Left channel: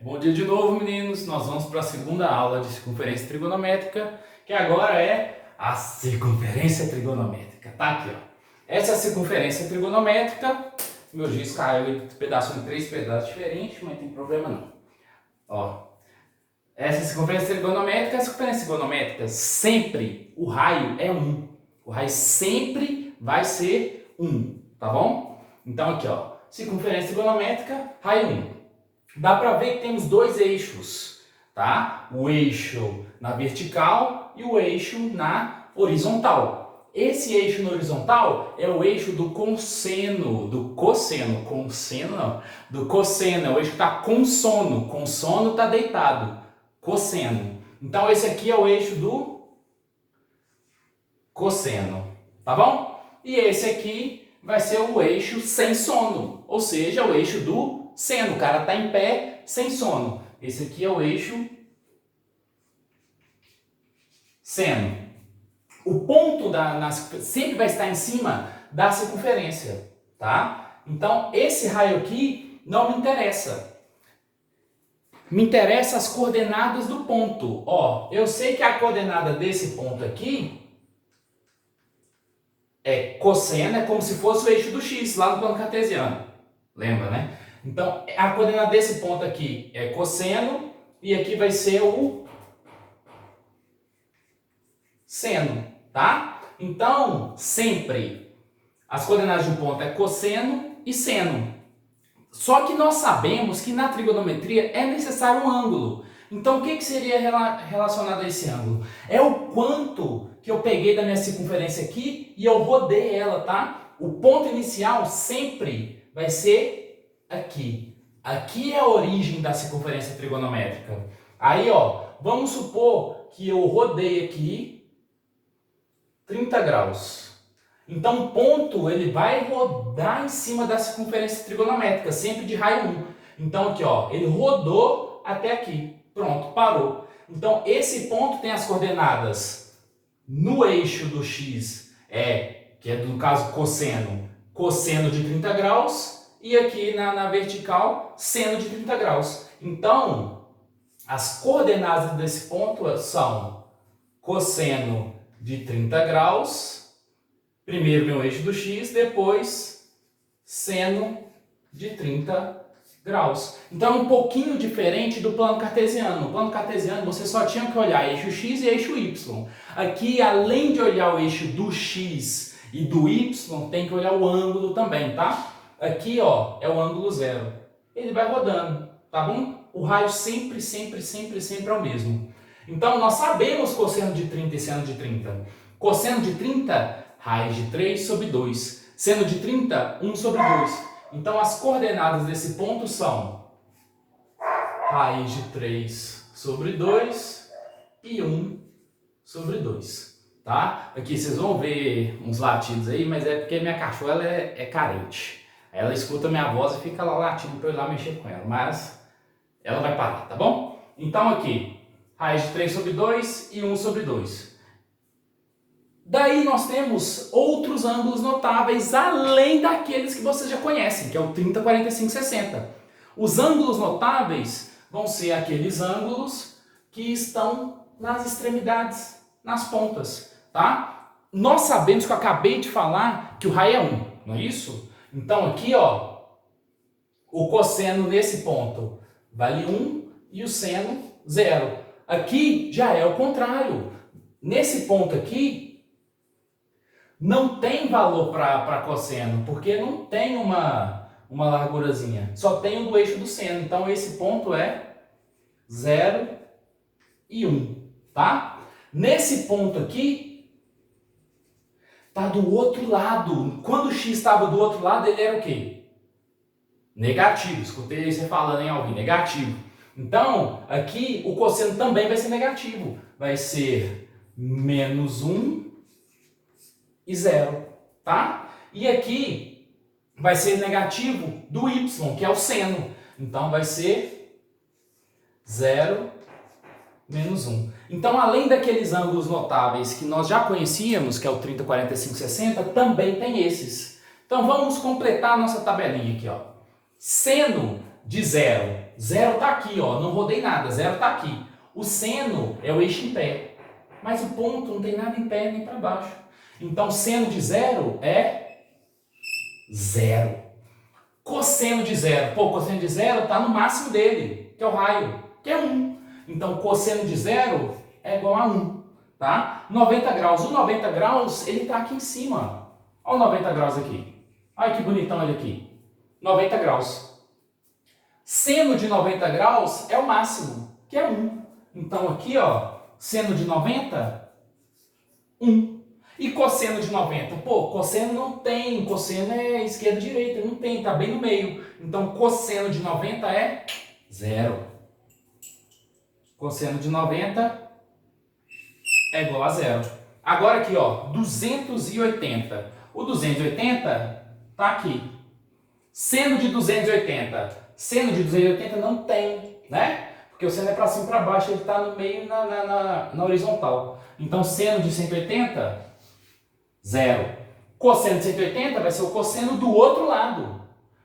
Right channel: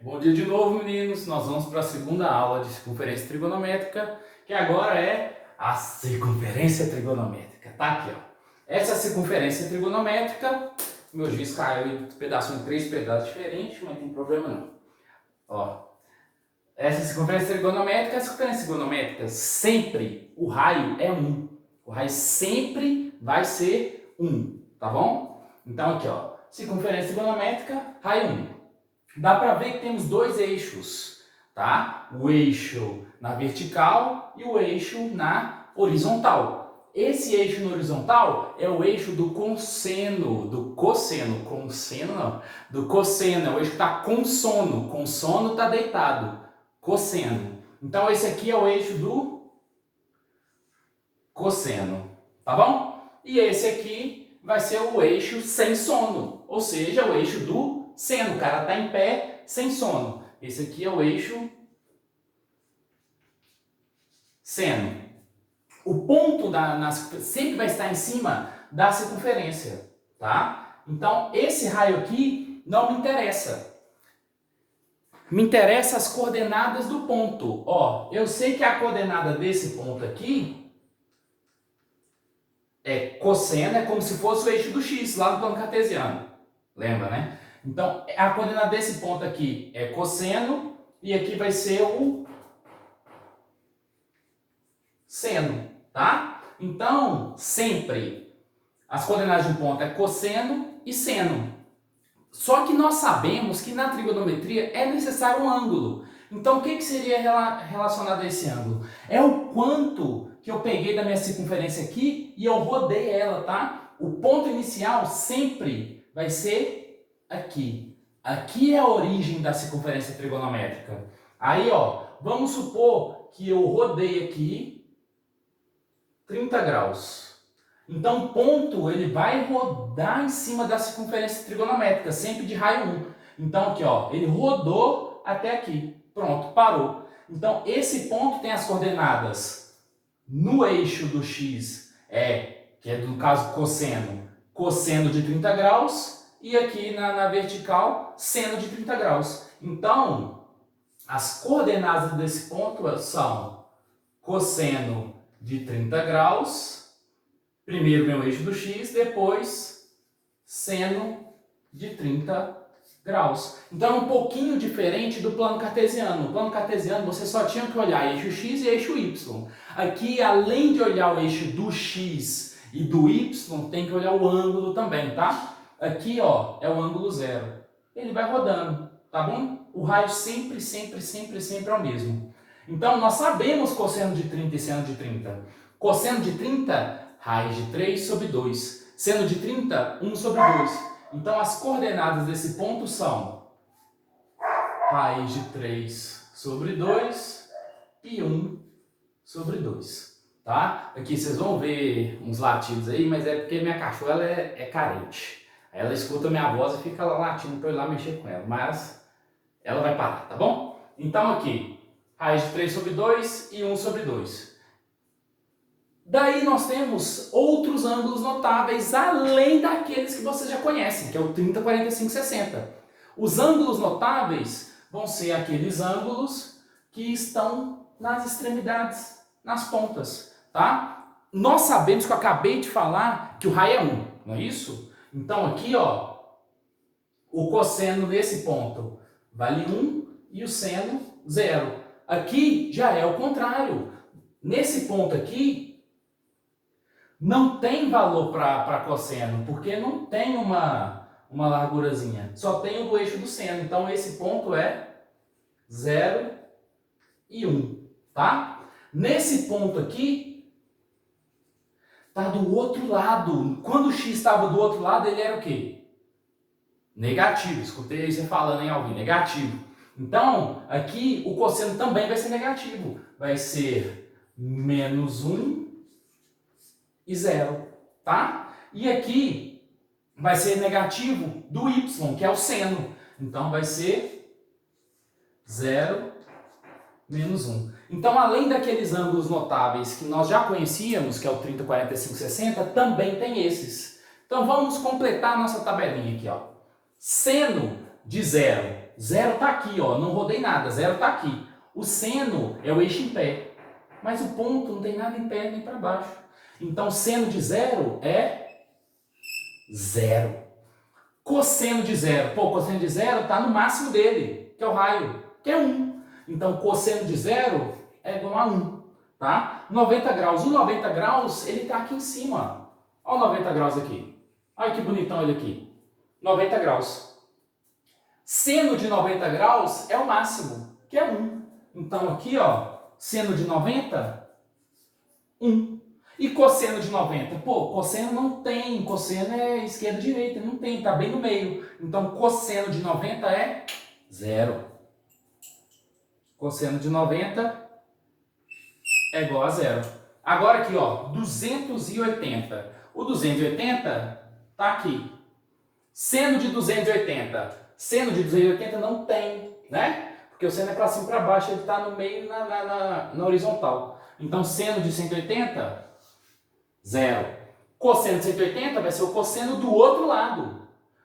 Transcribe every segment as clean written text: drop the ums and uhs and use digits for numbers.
Bom dia de novo, meninos. Nós vamos para a segunda aula de circunferência trigonométrica, que agora é a circunferência trigonométrica. Tá aqui, ó. Essa é a circunferência trigonométrica. Meu giz caiu em pedaços em três pedaços diferentes, mas não tem problema não. Ó, essa circunferência trigonométrica, a circunferência trigonométrica sempre o raio é 1. O raio sempre vai ser 1, tá bom? Então aqui, ó, circunferência trigonométrica, raio 1. Dá para ver que temos dois eixos, tá? O eixo na vertical e o eixo na horizontal. Esse eixo na horizontal é o eixo do cosseno, do cosseno é o eixo que está com sono está deitado, cosseno. Então esse aqui é o eixo do cosseno, tá bom? E esse aqui vai ser o eixo sem sono, ou seja, o eixo do seno. O cara está em pé, sem sono. Esse aqui é o eixo seno. O ponto sempre vai estar em cima da circunferência, tá? Então, esse raio aqui não me interessa. Me interessa as coordenadas do ponto. Ó, eu sei que a coordenada desse ponto aqui é cosseno, é como se fosse o eixo do x, lá no plano cartesiano. Lembra, né? Então, a coordenada desse ponto aqui é cosseno e aqui vai ser o seno, tá? Então, sempre as coordenadas de um ponto é cosseno e seno. Só que nós sabemos que na trigonometria é necessário um ângulo. Então, o que seria relacionado a esse ângulo? É o quanto que eu peguei da minha circunferência aqui e eu rodei ela, tá? O ponto inicial sempre vai ser aqui. Aqui é a origem da circunferência trigonométrica. Aí, ó, vamos supor que eu rodei aqui 30 graus. Então, o ponto ele vai rodar em cima da circunferência trigonométrica, sempre de raio 1. Então, aqui, ó, ele rodou até aqui. Pronto, parou. Então, esse ponto tem as coordenadas no eixo do x, que é no caso cosseno de 30 graus, e aqui na vertical, seno de 30 graus. Então, as coordenadas desse ponto são cosseno de 30 graus, primeiro meu eixo do x, depois seno de 30 graus. Então, é um pouquinho diferente do plano cartesiano. No plano cartesiano, você só tinha que olhar eixo x e eixo y. Aqui, além de olhar o eixo do x e do y, tem que olhar o ângulo também, tá? Aqui, ó, é o ângulo zero. Ele vai rodando, tá bom? O raio sempre é o mesmo. Então, nós sabemos cosseno de 30 e seno de 30. Cosseno de 30, raiz de 3 sobre 2. Seno de 30, 1 sobre 2. Então, as coordenadas desse ponto são raiz de 3 sobre 2 e 1 sobre 2. Tá? Aqui vocês vão ver uns latidos aí, mas é porque minha cachorra ela é carente. Ela escuta minha voz e fica lá latindo para eu ir lá mexer com ela, mas ela vai parar, tá bom? Então aqui, raiz de 3 sobre 2 e 1 sobre 2. Daí nós temos outros ângulos notáveis, além daqueles que vocês já conhecem, que é o 30, 45, 60. Os ângulos notáveis vão ser aqueles ângulos que estão nas extremidades, nas pontas, tá? Nós sabemos que eu acabei de falar que o raio é 1, não é isso? Então aqui, ó, o cosseno nesse ponto vale 1 e o seno 0. Aqui já é o contrário. Nesse ponto aqui, não tem valor para cosseno, porque não tem uma largurazinha. Só tem o do eixo do seno. Então esse ponto é 0 e 1, tá? Nesse ponto aqui, está do outro lado. Quando o x estava do outro lado, ele era o quê? Negativo. Escutei você falando em alguém, negativo. Então, aqui o cosseno também vai ser negativo. Vai ser menos 1 e 0, tá? E aqui vai ser negativo do y, que é o seno. Então, vai ser 0 menos 1. Então, além daqueles ângulos notáveis que nós já conhecíamos, que é o 30, 45, 60, também tem esses. Então, vamos completar a nossa tabelinha aqui, ó. Seno de zero. Zero está aqui, ó, não rodei nada, zero está aqui. O seno é o eixo em pé, mas o ponto não tem nada em pé nem para baixo. Então, seno de zero é zero. Cosseno de zero. Pô, cosseno de zero está no máximo dele, que é o raio, que é 1. Então, cosseno de zero é igual a 1, tá? 90 graus. O 90 graus, ele está aqui em cima. Olha o 90 graus aqui. Olha que bonitão ele aqui. 90 graus. Seno de 90 graus é o máximo, que é 1. Então, aqui, ó, seno de 90, 1. E cosseno de 90? Pô, cosseno não tem. Cosseno é esquerda e direita, não tem, tá bem no meio. Então, cosseno de 90 é 0. Cosseno de 90 é igual a 0. Agora aqui, ó, 280. O 280 tá aqui. Seno de 280. Seno de 280 não tem, né? Porque o seno é para cima e para baixo, ele está no meio na horizontal. Então, seno de 180, 0. Cosseno de 180 vai ser o cosseno do outro lado.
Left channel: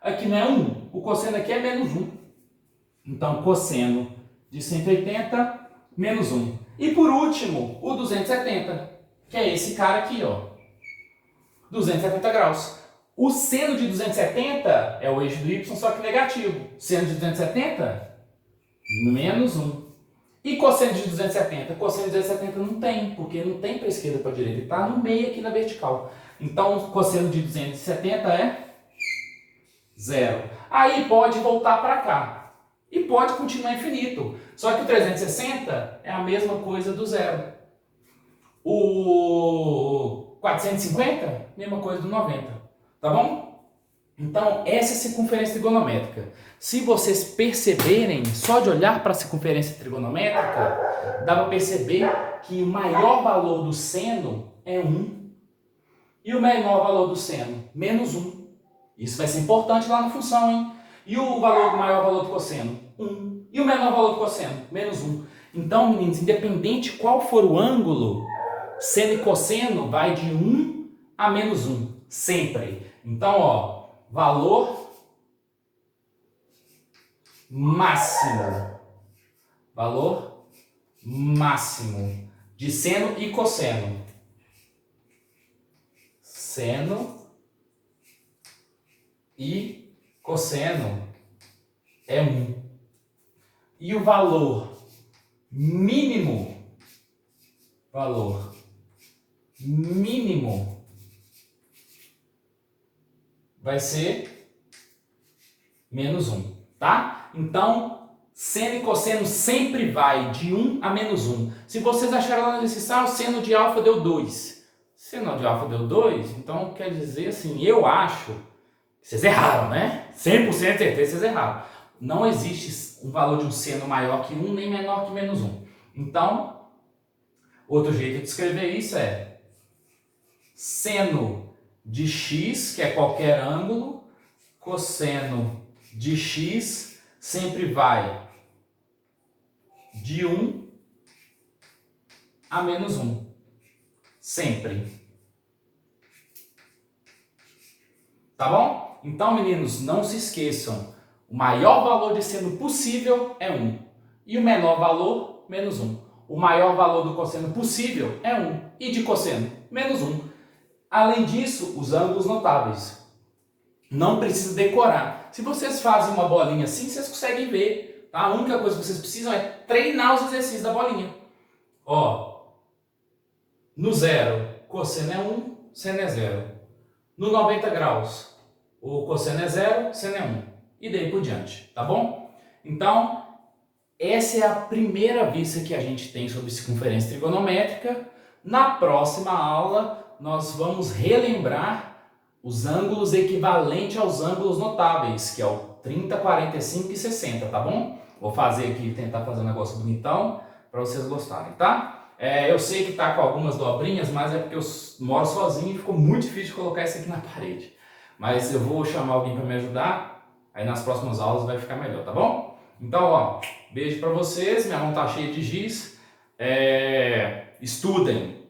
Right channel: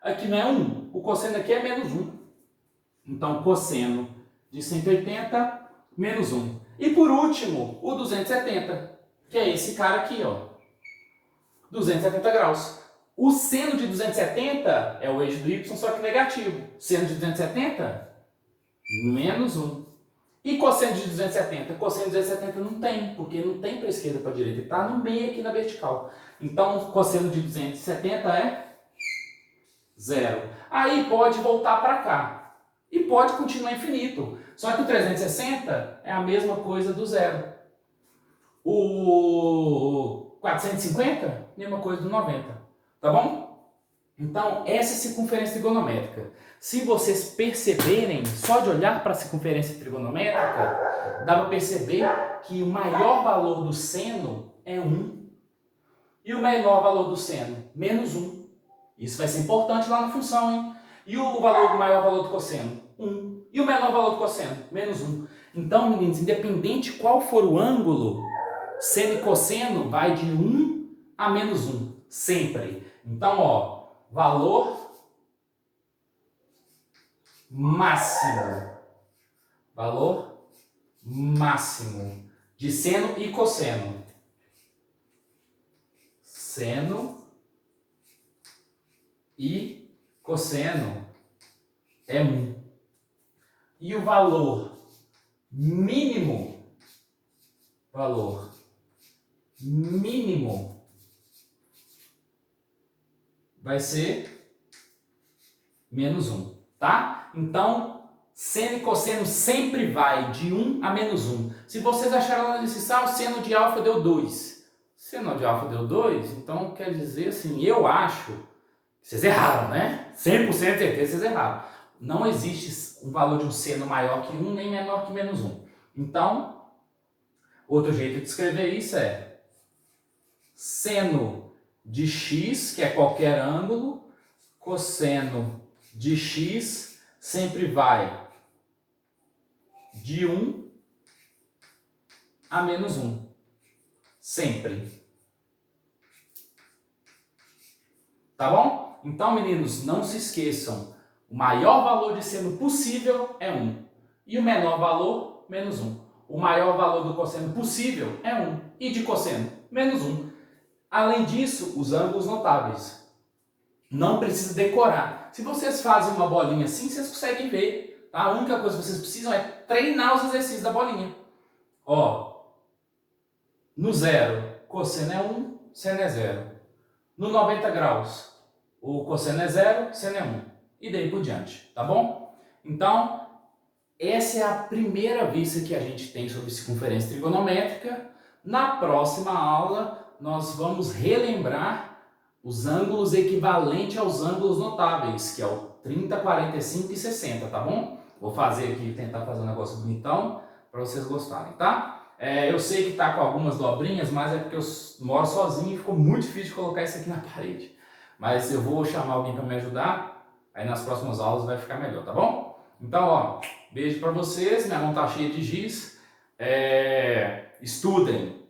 Aqui não é 1. O cosseno aqui é menos 1. Então, cosseno de 180, menos 1. E por último, o 270, que é esse cara aqui, ó. 270 graus. O seno de 270 é o eixo do y, só que negativo. Seno de 270, menos 1. E cosseno de 270? Cosseno de 270 não tem, porque não tem para a esquerda e para a direita. Ele está no meio aqui na vertical. Então, cosseno de 270 é 0. Aí pode voltar para cá. E pode continuar infinito. Só que o 360 é a mesma coisa do 0. O 450, mesma coisa do 90. Tá bom? Então, essa é a circunferência trigonométrica. Se vocês perceberem, só de olhar para a circunferência trigonométrica, dá para perceber que o maior valor do seno é 1 e o menor valor do seno, menos 1. Isso vai ser importante lá na função, hein? E o maior valor do cosseno? 1. E o menor valor do cosseno? Menos 1. Então, meninos, independente qual for o ângulo, seno e cosseno vai de 1 a menos 1. Sempre. Então, ó, valor máximo. Valor máximo de seno e cosseno. Seno e cosseno é 1. E o valor mínimo vai ser menos 1, tá? Então, seno e cosseno sempre vai de 1 a menos 1. Se vocês acharam lá no exercício, o seno de alfa deu 2. Seno de alfa deu 2, então quer dizer assim, eu acho que vocês erraram, né? 100% de certeza vocês erraram. Não existe um valor de um seno maior que 1, nem menor que menos 1. Então, outro jeito de escrever isso é seno de x, que é qualquer ângulo, cosseno de x sempre vai de 1 a menos 1. Sempre. Tá bom? Então, meninos, não se esqueçam. O maior valor de seno possível é 1. E o menor valor, menos 1. O maior valor do cosseno possível é 1. E de cosseno, menos 1. Além disso, os ângulos notáveis. Não precisa decorar. Se vocês fazem uma bolinha assim, vocês conseguem ver. Tá? A única coisa que vocês precisam é treinar os exercícios da bolinha. Ó, no 0, cosseno é 1, seno é 0. No 90 graus, o cosseno é 0, seno é 1. E daí por diante, tá bom? Então, essa é a primeira vista que a gente tem sobre circunferência trigonométrica. Na próxima aula, nós vamos relembrar os ângulos equivalentes aos ângulos notáveis, que é o 30, 45 e 60, tá bom? Vou fazer aqui, tentar fazer um negócio bonitão para vocês gostarem, tá? Eu sei que tá com algumas dobrinhas, mas é porque eu moro sozinho e ficou muito difícil de colocar isso aqui na parede. Mas eu vou chamar alguém para me ajudar, aí nas próximas aulas vai ficar melhor, tá bom? Então, ó, beijo para vocês, minha mão tá cheia de giz. Estudem,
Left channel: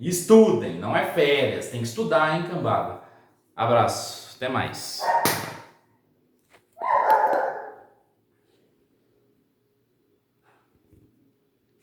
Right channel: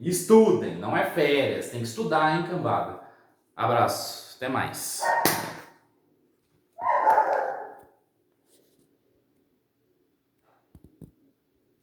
não é férias, tem que estudar, hein, cambada. Abraço, até mais.